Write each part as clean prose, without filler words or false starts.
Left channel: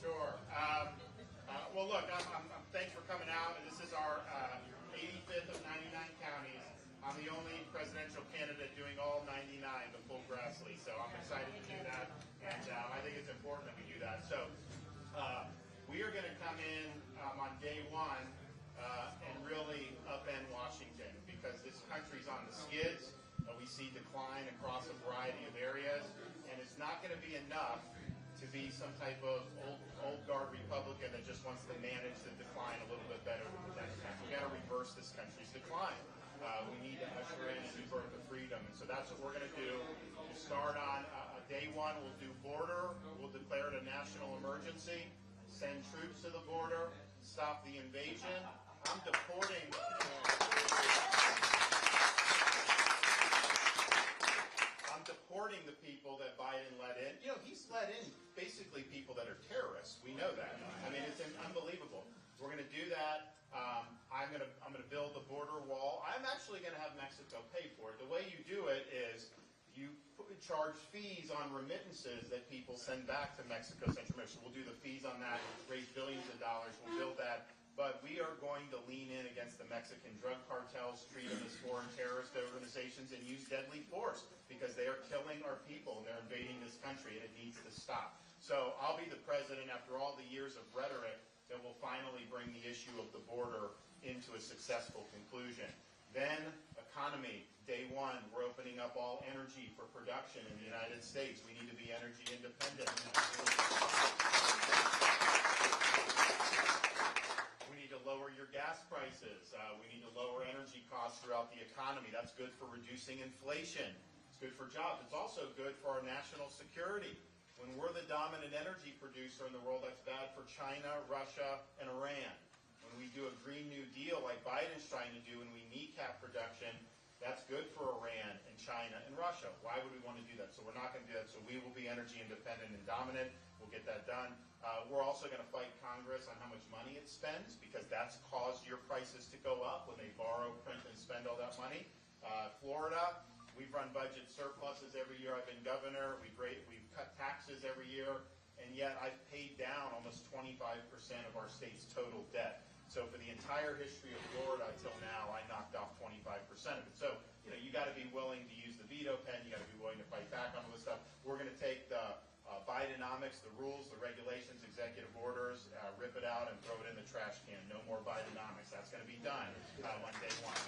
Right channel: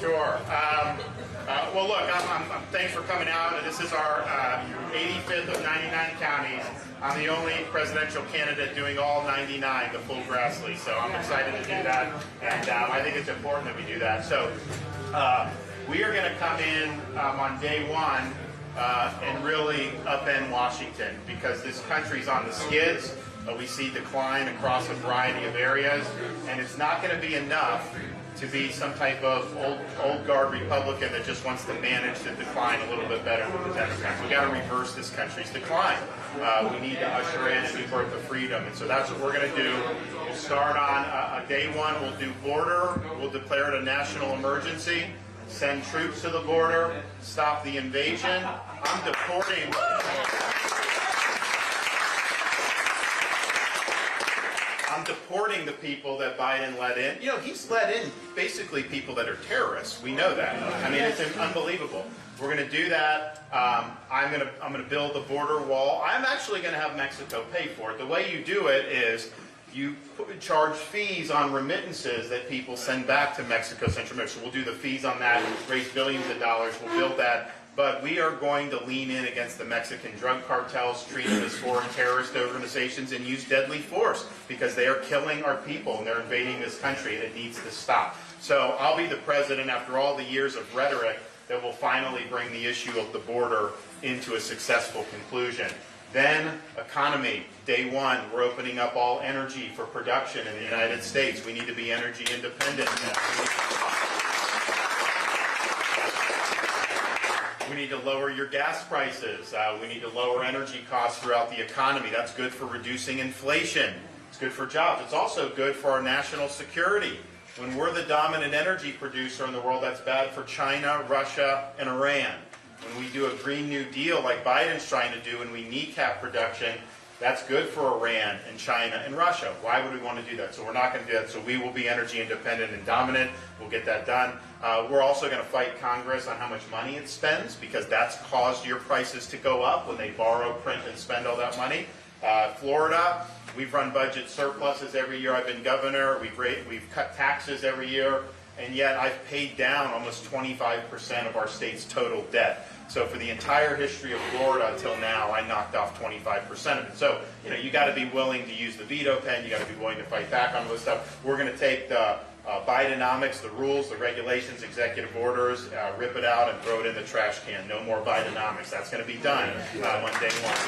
Sure. Well, look, thanks for coming out. This is our 85th of 99 counties. I'm the only presidential candidate doing all 99, the full Grassley. So I'm excited to do that, and I think it's important that we do that. So we are going to come in on day one and really upend Washington, because this country's on the skids. We see decline across a variety of areas, and it's not going to be enough to be some type of old guard Republican that just wants to manage the decline a little bit better than the Democrats. We've got to reverse this country's decline. We need to usher in a new birth of freedom, and so that's what we're going to do. We'll start on day one. We'll do border. We'll declare it a national emergency. Send troops to the border. Stop the invasion. I'm deporting. I'm deporting the people that Biden let in. You know, he's let in basically people that are terrorists. We know that. I mean, it's unbelievable. We're going to do that. I'm going to build the border wall. I'm actually going to have Mexico pay for it. The way you do it is you charge fees on remittances that people send back to Mexico, Central America. So we'll do the fees on that, raise billions of dollars. We'll build that. But we are going to lean in against the Mexican drug cartels, treat them as foreign terrorist organizations, and use deadly force, because they are killing our people and they're invading this country, and it needs to stop. So I'll be the president, after all the years of rhetoric, that will finally bring the issue of the border into a successful conclusion. Then economy. Day one, we're opening up all energy for production in the United States. We need to be energy independent. We need to lower your gas prices. We need to lower energy costs throughout the economy. That's good for reducing inflation. It's good for jobs. It's also good for our national security. When we're the dominant energy producer in the world, that's bad for China, Russia, and Iran. When we do a Green New Deal like Biden's trying to do and we kneecap production, that's good for Iran and China and Russia. Why would we want to do that? So we're not going to do that. So we will be energy independent and dominant. We'll get that done. We're also going to fight Congress on how much money it spends, because that's caused your prices to go up when they borrow, print, and spend all that money. Florida, we've run budget surpluses every year I've been governor. We've cut taxes every year, and yet I've paid down almost 25% of our state's total debt. So for the entire history of Florida until now, I knocked off 25% of it. So, you know, you got to be willing to use the veto pen. You got to be willing to fight back on this stuff. We're going to take the Bidenomics, the rules, the regulations, executive orders, rip it out and throw it in the trash can. No more Bidenomics. That's going to be done on day one.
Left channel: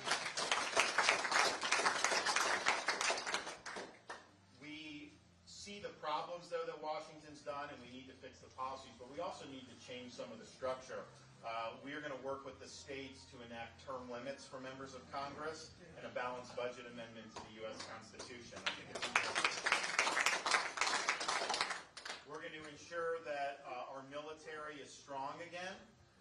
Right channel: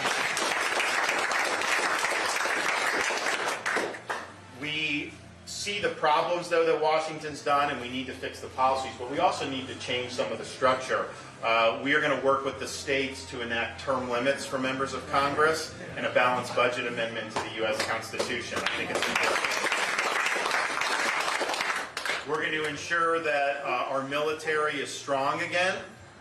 We see the problems, though, that Washington's done, and we need to fix the policies, but we also need to change some of the structure. We are going to work with the states to enact term limits for members of Congress and a balanced budget amendment to the U.S. Constitution. I think it's important. We're going to ensure that our military is strong again.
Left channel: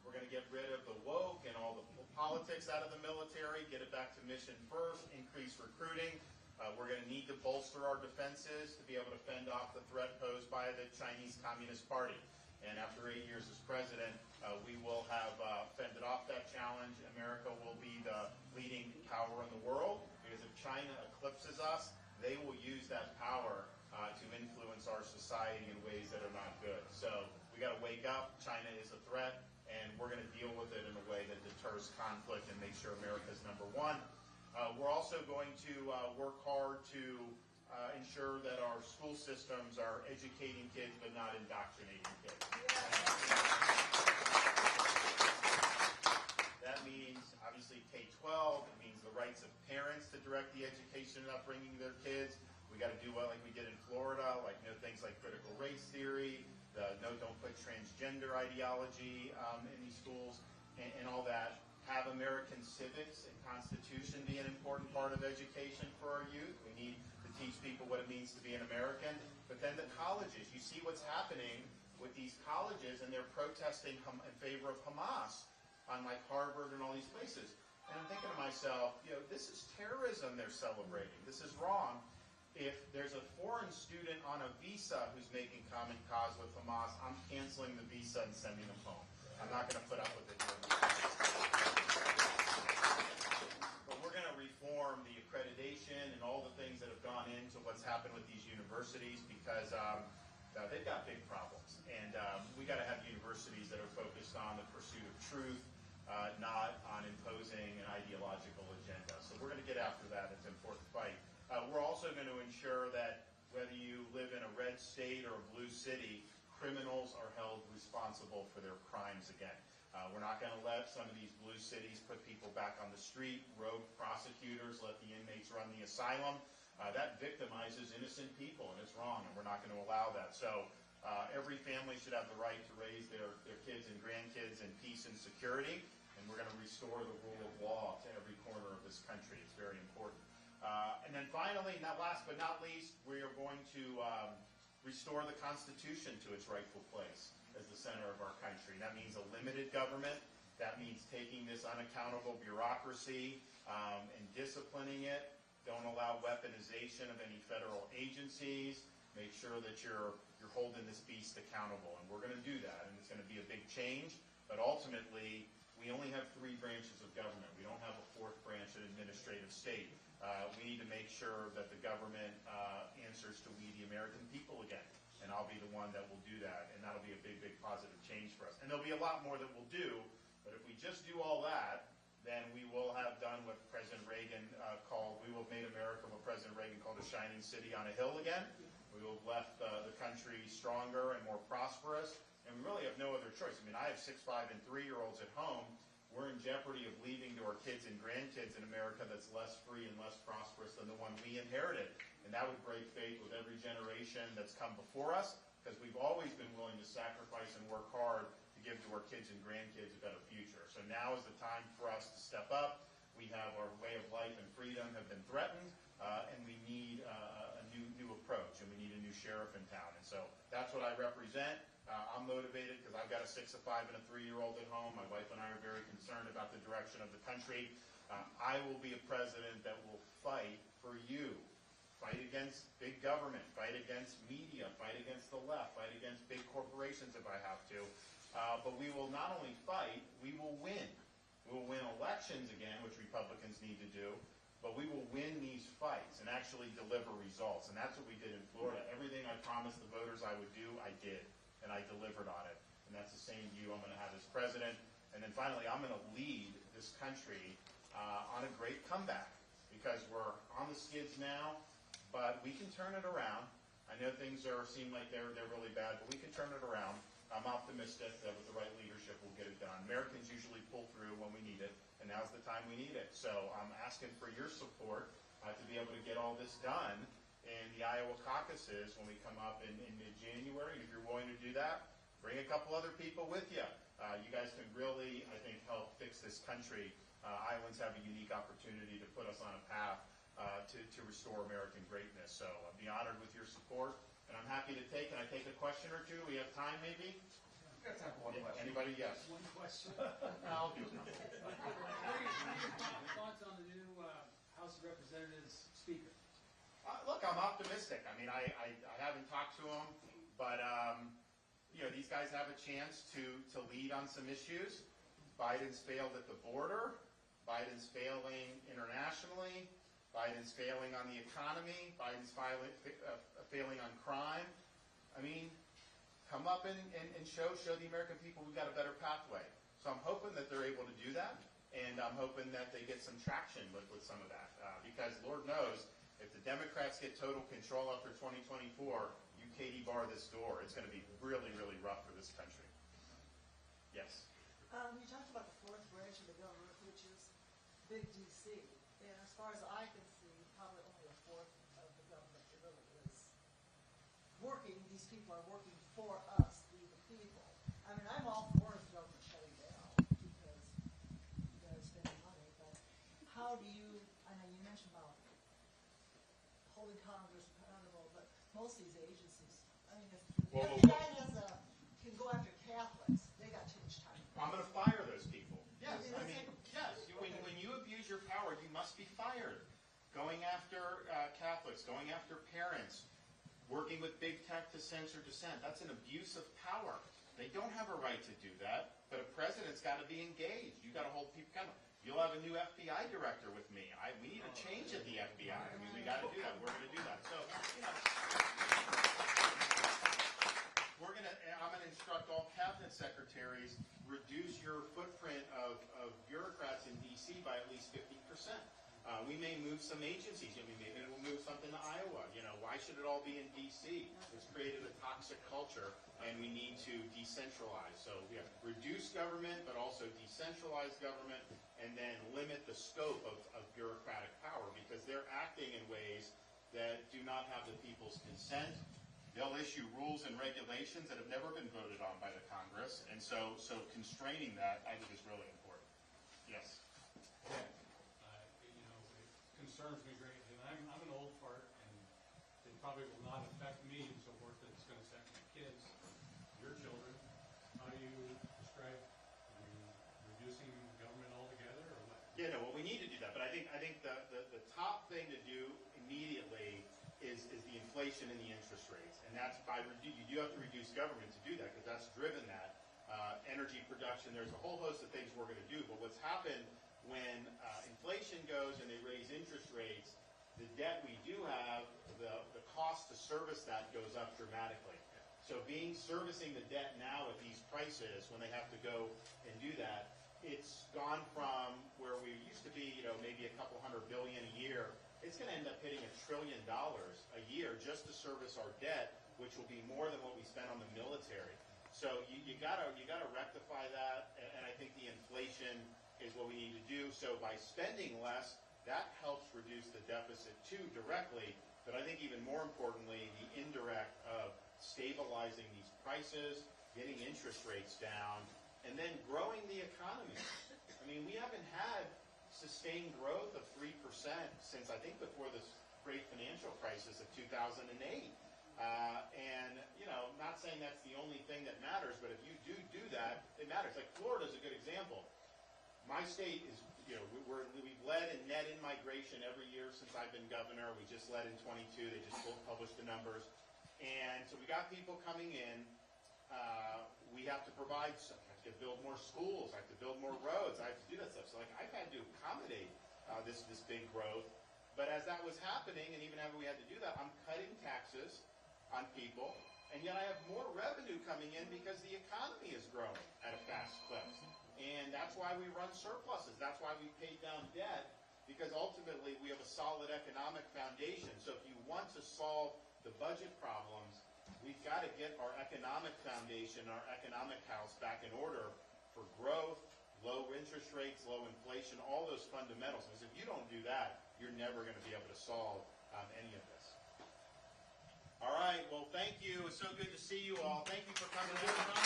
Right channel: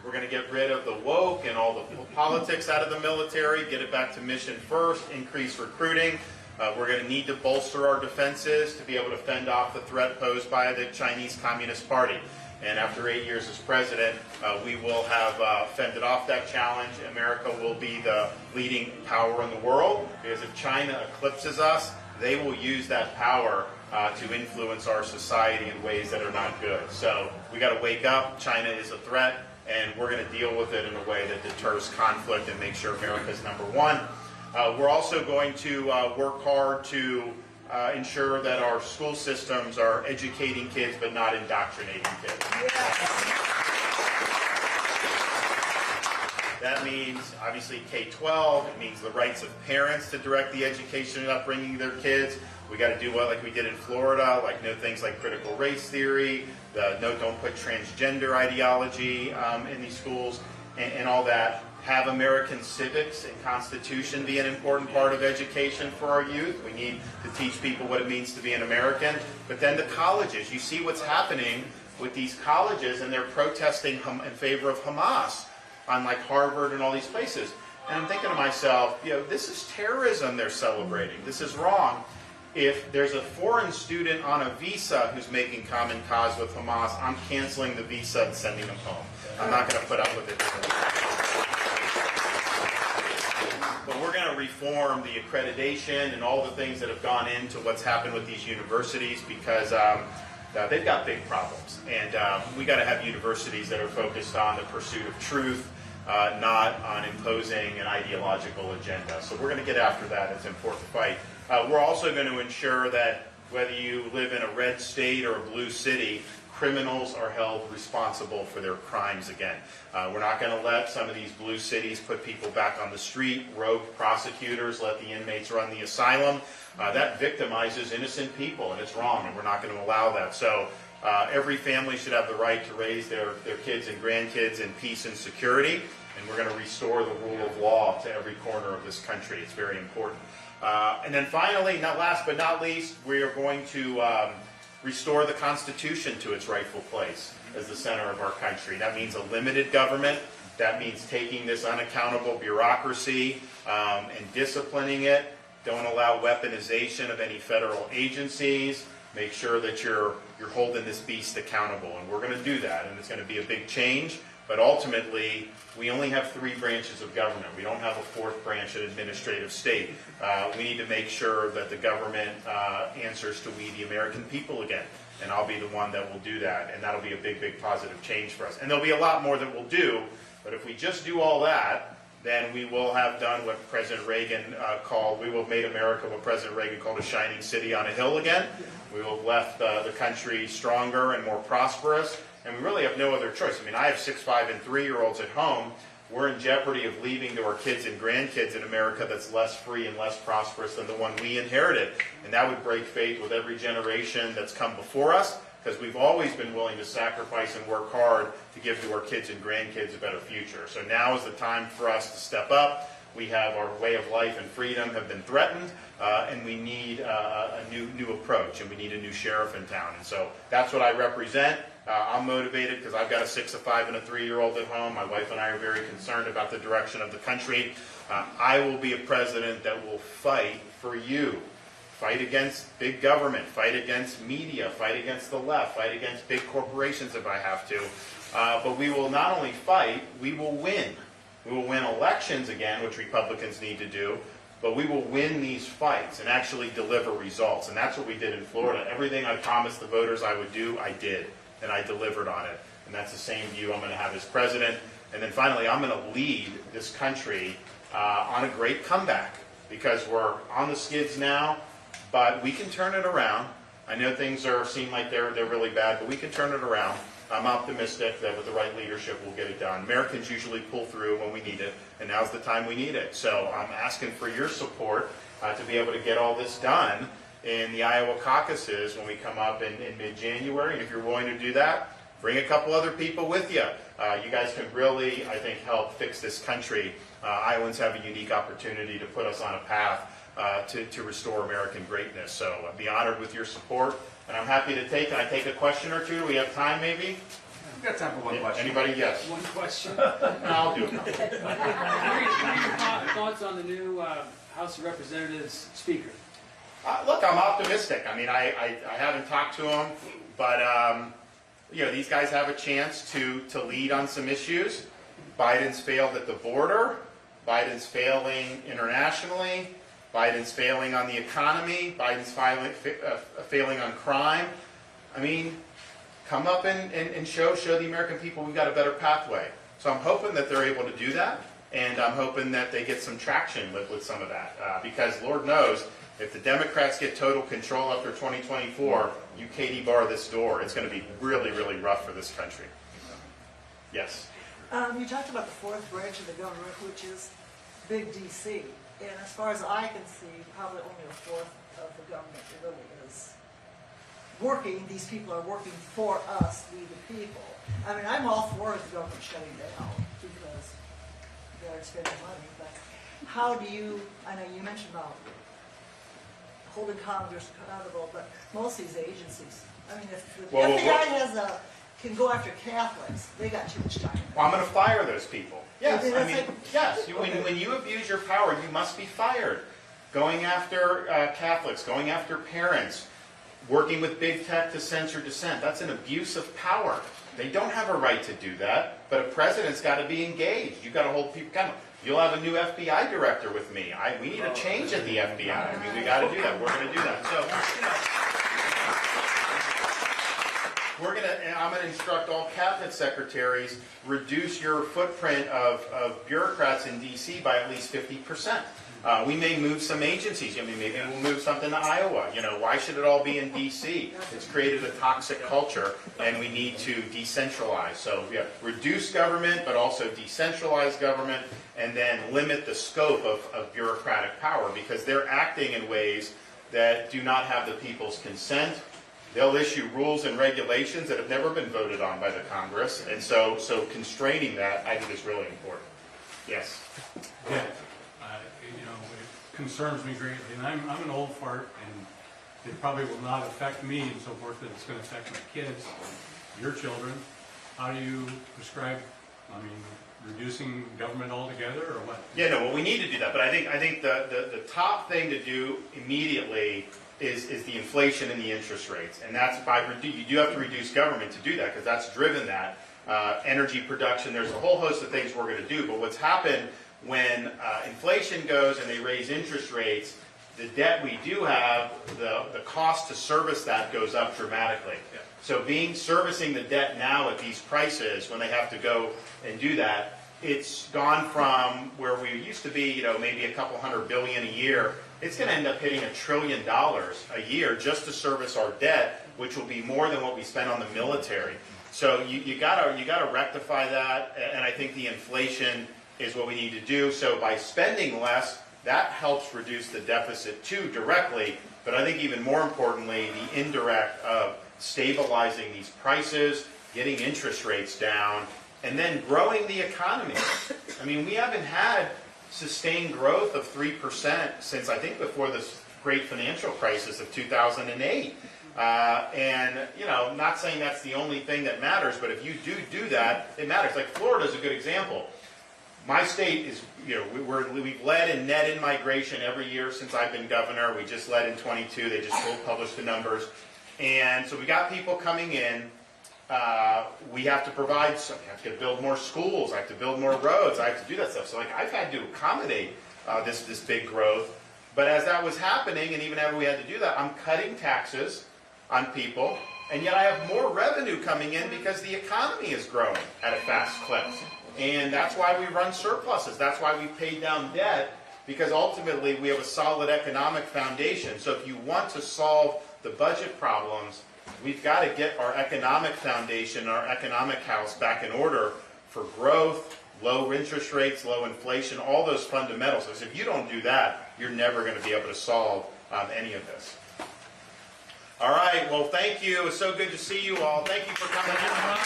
We're going to get rid of the woke and all the politics out of the military, get it back to mission first, increase recruiting. We're going to need to bolster our defenses to be able to fend off the threat posed by the Chinese Communist Party. And after 8 years as president, we will have fended off that challenge. America will be the leading power in the world, because if China eclipses us, they will use that power to influence our society in ways that are not good. So we got to wake up. China is a threat, and we're going to deal with it in a way that deters conflict and make sure America's number one. We're also going to work hard to ensure that our school systems are educating kids but not indoctrinating kids. That means, obviously, K-12. It means the rights of parents to direct the education and upbringing of their kids. We got to do what, like we did in Florida, like no things like critical race theory, don't put transgender ideology in these schools, and all that. Have American civics and Constitution be an important part of education for our youth. We need to teach people what it means to be an American. But then the colleges, you see what's happening with these colleges, and they're protesting in favor of Hamas on like Harvard and all these places. And I'm thinking to myself, you know, this is terrorism they're celebrating. This is wrong. If there's a foreign student on a visa who's making common cause with Hamas, I'm canceling the visa and sending them home. I'm not going to put up with it. But we're going to reform the accreditation and all the things that have gone into what's happened with these universities, because they've got big problems. And we got to have universities that are focused on the pursuit of truth, not on imposing an ideological agenda. So we're going to get after that. It's an important fight. We're also going to ensure that whether you live in a red state or a blue city, criminals are held responsible for their crimes again. We're not going to let some of these blue cities put people back on the street, rogue prosecutors, let the inmates run the asylum. That victimizes innocent people, and it's wrong, and we're not going to allow that. So every family should have the right to raise their kids and grandkids in peace and security, and we're going to restore the rule of law to every corner of this country. It's very important. And then finally, not last but not least, we are going to restore the Constitution to its rightful place as the center of our country. That means a limited government. That means taking this unaccountable bureaucracy and disciplining it. Don't allow weaponization of any federal agencies. Make sure that you're holding this beast accountable. And we're going to do that, and it's going to be a big change. But ultimately, we only have 3 branches of government. We don't have a 4th branch, an administrative state. We need to make sure that the government answers to we, the American people, again. And I'll be the one that will do that. And that'll be a big, big positive change for us. And there'll be a lot more that we'll do. But if we just do all that, then we will have done what President Reagan we will have made America what President Reagan called a shining city on a hill again. We will have left the country stronger and more prosperous. And we really have no other choice. I mean, I have 6, 5, and 3-year-olds at home. We're in jeopardy of leaving to our kids and grandkids in America that's less free and less prosperous than the one we inherited. And that would break faith with every generation that's come before us, because we've always been willing to sacrifice and work hard to give to our kids and grandkids a better future. So now is the time for us to step up. We have our way of life and freedom have been threatened, and we need a new approach, and we need a new sheriff in town. And so that's what I represent. I'm motivated because I've got a 6, a 5, and a 3-year-old at home. My wife and I are very concerned about the direction of the country. I will be a president that will fight for you. Fight against big government, fight against media, fight against the left, fight against big corporations if I have to. But we will not only fight, we will win. We will win elections again, which Republicans need to do, but we will win these fights and actually deliver results. And that's what we did in Florida. Everything I promised the voters I would do, I did. And I delivered on it. And that's the same view I'm going to have as president. And then finally, I'm going to lead this country on a great comeback, because we're on the skids now, but we can turn it around. I know things seem like they're really bad, but we can turn it around. I'm optimistic that with the right leadership, we'll get it done. Americans usually pull through when we need it, and now's the time we need it. So I'm asking for your support to be able to get all this done in the Iowa caucuses when we come up in mid-January. And if you're willing to do that, bring a couple other people with you. You guys can really, I think, help fix this country. Iowans have a unique opportunity to put us on a path to restore American greatness. So I'd be honored with your support. And I'm happy to take a question or two. Do we have time, maybe? We've got time for one question. Anybody? Yes. One question. No, I'll do it. What are your thoughts on the new House of Representatives Speaker? Look, I'm optimistic. I mean, I haven't talked to him, but these guys have a chance to lead on some issues. Biden's failed at the border. Biden's failing internationally. Biden's failing on the economy. Biden's failing on crime. I mean, come up and show the American people we've got a better pathway. So I'm hoping that they're able to do that, and I'm hoping that they get some traction with some of that. Because Lord knows, if the Democrats get total control after 2024, you Katie bar this door. It's going to be really, really rough for this country. Yes? You talked about the 4th branch of the government, which is big D.C. And as far as I can see, probably only a 4th of the government really is working. These people are working for us, we the people. I mean, I'm all for the government shutting down because they're spending money. But how do you, I know you mentioned about holding Congress accountable, but most of these agencies, I mean, if the FBI can go after Catholics, they got too much time. Well, I'm going to fire those people. Yes, Okay, I mean, yes. When you abuse your power, you must be fired. Going after Catholics, going after parents, working with big tech to censor dissent, that's an abuse of power. They don't have a right to do that, but a president's got to be engaged. You've got to hold people accountable. You'll have a new FBI director with me. We need a change at the FBI. I mean, we got to do that. We're going to do that. So, I'm gonna instruct all cabinet secretaries, reduce your footprint of bureaucrats in DC by at least 50%. We may move some agencies. I mean, maybe we'll move something to Iowa. You know, why should it all be in DC? It's created a toxic culture, and we need to decentralize. So, yeah, reduce government, but also decentralize government, and then limit the scope of bureaucratic power, because they're acting in ways that do not have the people's consent. They'll issue rules and regulations that have never been voted on by the Congress, and so constraining that, I think, is really important. Yes. Yeah. You know, it concerns me greatly, and I'm an old fart, and it probably will not affect me and so forth, but it's going to affect my kids, your children. How do you prescribe, I mean, reducing government altogether, or what? Yeah, no, well, we need to do that, but I think the top thing to do immediately is the inflation and the interest rates, and that's you do have to reduce government to do that, because that's driven that. Energy production, there's a whole host of things we're going to do, but what's happened when inflation goes and they raise interest rates, the debt we do have, the cost to service that goes up dramatically. Yeah. So servicing the debt now at these prices, when they have to go and do that, it's gone from where we used to be, you know, maybe a couple $100 billion a year. It's going to end up hitting $1 trillion a year just to service our debt, which will be more than what we spend on the military. So you gotta rectify that, and I think the inflation is what we need to do. So by spending less, that helps reduce the deficit too directly, but I think even more importantly, the indirect of stabilizing these prices, getting interest rates down, and then growing the economy. I mean, we haven't had sustained growth of 3% since, I think, before this great financial crisis of 2008. And, you know, not saying that's the only thing that matters, but if you do that, it matters. Like Florida's a good example. My state is, you know, we've led in net in-migration every year since I've been governor. We just led in 22. They just published the numbers. And so we got people coming in. We have to provide, I have to build more schools, I have to build more roads, I have to do that stuff. So like I've had to accommodate this big growth. But as that was happening, and even after we had to do that, I'm cutting taxes on people, and yet I have more revenue coming in because the economy is growing at a fast clip. And that's why we run surpluses. That's why we paid down debt, because ultimately we have a solid economic foundation. So if you want to solve the budget problems, we've got to get our economic foundation, our economic house back in order for growth, low interest rates, low inflation, all those fundamentals. Because if you don't do that, you're never going to be able to solve any of this. All right, well, thank you. It's so good to see you all. Thank you for coming out.